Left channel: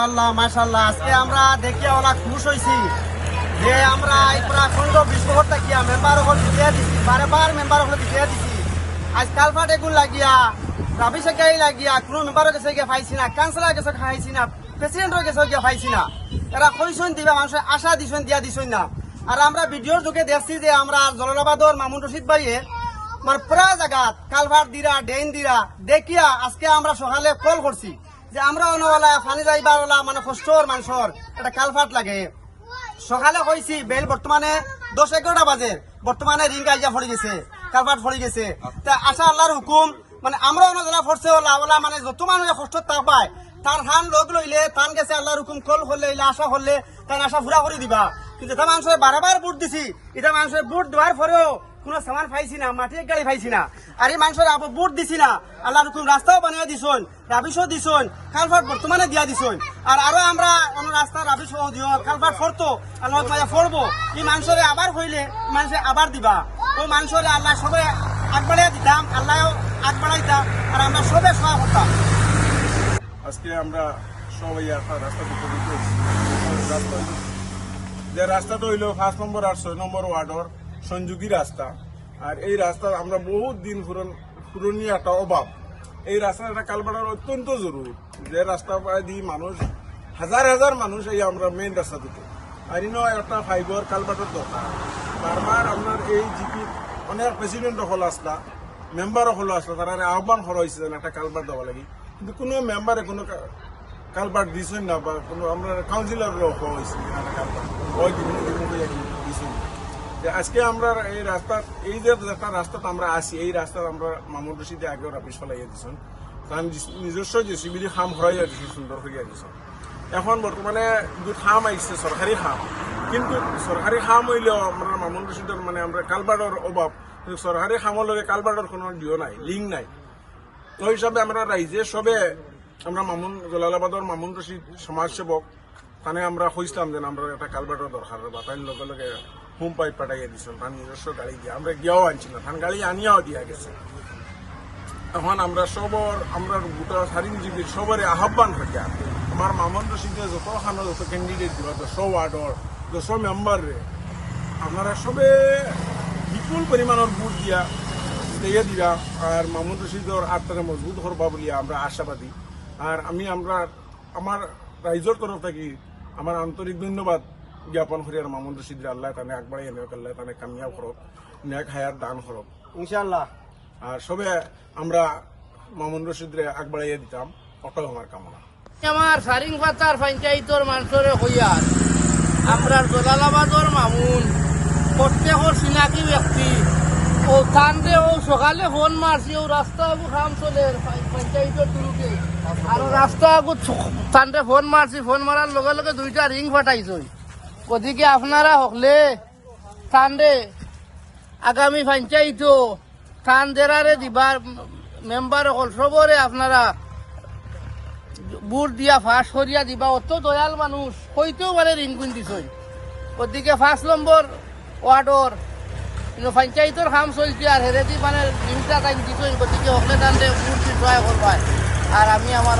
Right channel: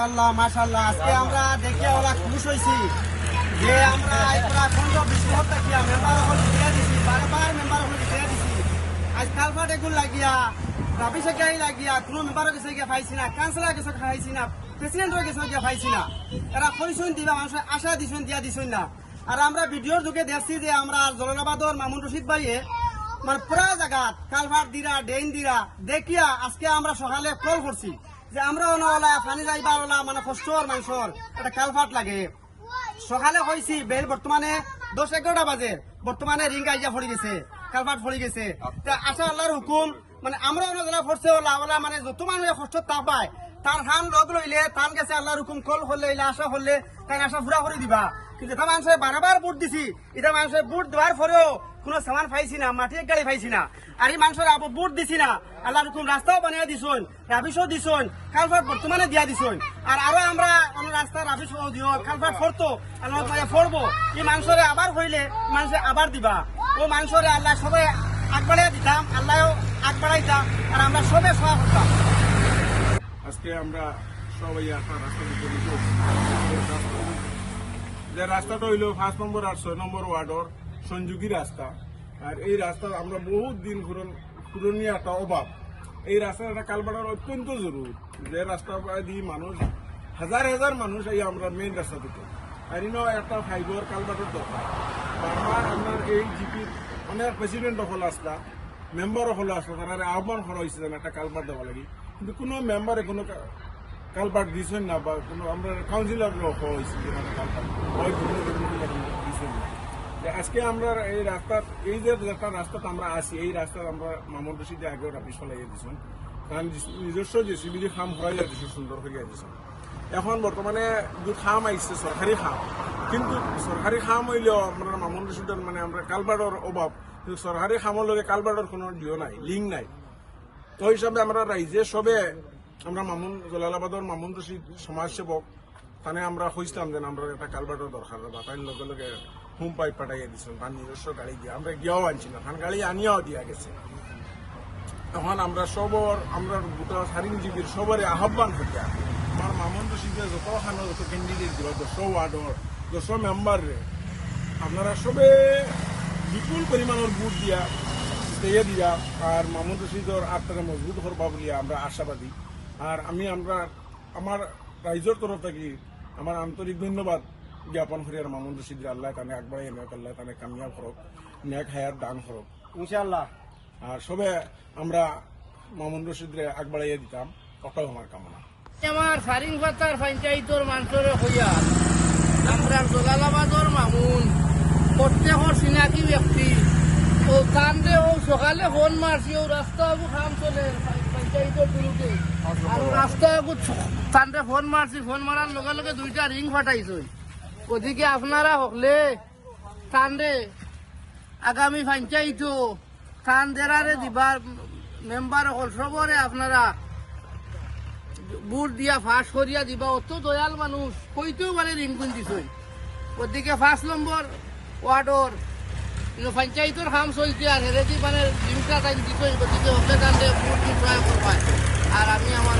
মাশাআল্লাহ মাশাআল্লাহ আজকে আমরা দেখিয়া ওরা খুশ হইছি যে আমরা পুরা খন্ড বিশ্বভর থাকিয়া মেম্বার হল দিয়ে দিছি বারবার মেম্বার হল দিয়ে দিছি আজ কালফাট এগুন লাগিয়া রাবি সেকাই লাগিয়া কোনো মেম্বারের কাছে গিয়ে পাইছি না কাউন্সিলর কাছে খাইছি না প্রেসিডেন্টের কাছে গিয়ে পাইছি না এরা কইসন দিবা মানুষের আশা দিছেন দিয়া দিছেন না আর আমরা ভিডিওর যুগে দেখছি যে আমরা জলালাবাদর মামুন রশিদ ভাইয়ে মানে পুরা জায়গা কালভার দিরা ডেইন দিরা দেখিয়া আজকে আমরা সকালে কল করছি যে আমরা অনওয়ালা পানি যাইবার ওলা মানে কষ্টর মানুষের একটা কালভার্ট লাগে সকালে কইছি বেল বর্তমানে 10-11টা বাজে বর্তমানে রিং আইয়া ফড়ি গেছে কালভার্ট ফড়ি গেছে তা আশা আল্লাহর হুকুম মানে আমরা অনজনা ফরছে ওলা মানে যত মানুষের কষ্ট তা পায় তার হান লগ লইলে তান গেছে আল্লাহর হুকুম কল করলে আশা করলে তাই আশা পুরা করে দিবা কিন্তু এটা মানুষের বারবার ভোট দিছি এটা মানুষের ভোট দেওয়ার পরেও কোনো সামান পাইছি না মাটির গাড়ি পাইছি না আর এই মানুষের আবার ভোট দিছি না আল্লাহর হুকুম রাস্তাও বানিয়ে দিছন রাবিশও দিছন কালভার্ট বর্তমানে দিয়া দিছন আর আরো আমরা অন্য রাস্তা রাবিশ দিও কালভার্ট ফরতো আল্লাহ মায়া ফরবো এই মানুষের আবার হইলে মানুষের আবার দিবা ও মানুষের আল্লাহ সবাই আগবাড়াইয়া দিতাম আল্লাহও আগবাড়াইতাম আর আমরা সবে সহা করতাম। আজকে আমরা সবাই একটা রাস্তা উপনীত হয়েছি যে রাস্তাটা হইল 5 নম্বর আর 6 নম্বর ওয়ার্ডর সংযোগী রাস্তা আর এই রাস্তা আমরা বহুত দিন পুরনীয় একটা অভাব এই রাস্তাটা কালবাড়ার অত্যন্ত জরুরি যে রাস্তা দিয়ে মানুষ হাজার হাজার মানুষ এই আমরা মেইন রাস্তা থেকে আর ইনো একটা ফাইবার কালবাড়ার দরকার বারবার আপনার এই জিপি অনেক প্রেসিডেন্ট হল আসলা মেম্বার হল আসলা তারা আহ্বান করা হয়েছে একটা কালবার দেওয়া লাগে কিন্তু কোনো মেম্বারে কোনো কালবার দিছেন না বা কোনো আমরা কাউন্সিলর হওয়া হয়েছে যে একটা কালবার ওই দিছেন না আজকে আমরা এই রাস্তার এই যে একটা রাস্তাতে আমরা আসি এই রাস্তার আমরা মামুন রশিদে আগেও রাপিস ফেলাইয়া দিছেন কারণ নিজস্ব যে সিবিলি খাম হরাইয়া দিছেন সুন্দর হইয়া দিছেন এখন বর্তমানে যে খাম আইসছে সরকারি খাম কিন্তু সরকারি খাম হইলেও আমরা মামুন রশিদের মানে আমরা কালবার্ডর অভাব সরকারি খামর লগে কালবার্ডর কোনো ডিও নাই লিঙ্ক নাই তো হিসাবে আমরা রাইজে সবে আমরা জলালাবাদর মামুন রশিদ সমাজসেবক তানে আমরা খুঁজতাম যে আমরা একটা কালবার্ডর দরকার বা তাই লগে লগে হোম পাইপ পাঠাইয়া দিচ্ছেন তার নিজস্ব গাড়ি দিয়ে আমরা গিয়াও আনছি না তার গাড়ি আনিয়াও দিয়া গেছে এখন আমরা আমরা গোটা স্বাধীনজীবীর সবরে আহ্বান করিয়া আমার মামুন রশিদের যত ক্যান্ডিডেট দিবা 100 ওয়ার্ডর 100 মেম্বার আপনারা সবে বিপুল পরিমাণের ভোট দিয়া দিয়া আর মামুন রশিদর আত্মাকে মজবুত করবা বলি আমরা আশাবাদী আর আমার রাইজর তরফ থেকে আমার আন্তরিক ধন্যবাদ জ্ঞাপন করি আর মামুন রশিদ আল্লাহ তানে একবারে আল্লাহ তানে কামিয়াব করক নেক হায়াত দান করক ইনশাআল্লাহ আর সবে আমরা মামুন রশিদরে আগবাড়াইয়া দিতাম অটল আমার কামনা আমার সারিং পাতার পঞ্চায়েতর মানুষের হইয়া আমরা জলালাবাদর মামুন প্রত্যেক চিনাকি ব্যক্তি ও কান্দে ও সকালে ফোন মারছি ও রাস্তা খাম চলে পঞ্চায়েতের তুলুকে আর রাস্তা কান্দে ফোন মারছি ফোন মারার লগে লগে 2টা রিং ফাটাইছই ওদিকে আপনারা হকলে কান্দে আগামী পঞ্চায়েত কান দেরারে দিবার মেম্বার হল সবরে আপনারা বুট দিয়া ফাঁস করিয়া দিবা অত দয়াল মানুষ হইতেও পারে রিং কিন দিছই ওদিকে 5 নম্বর ওয়ার্ডর পঞ্চায়েতের কাম চলছে আর হেরেদি মানে রিংটা কান দিছই ওদিকে ওকে কান্দে বুট দিতে আর আমি আমার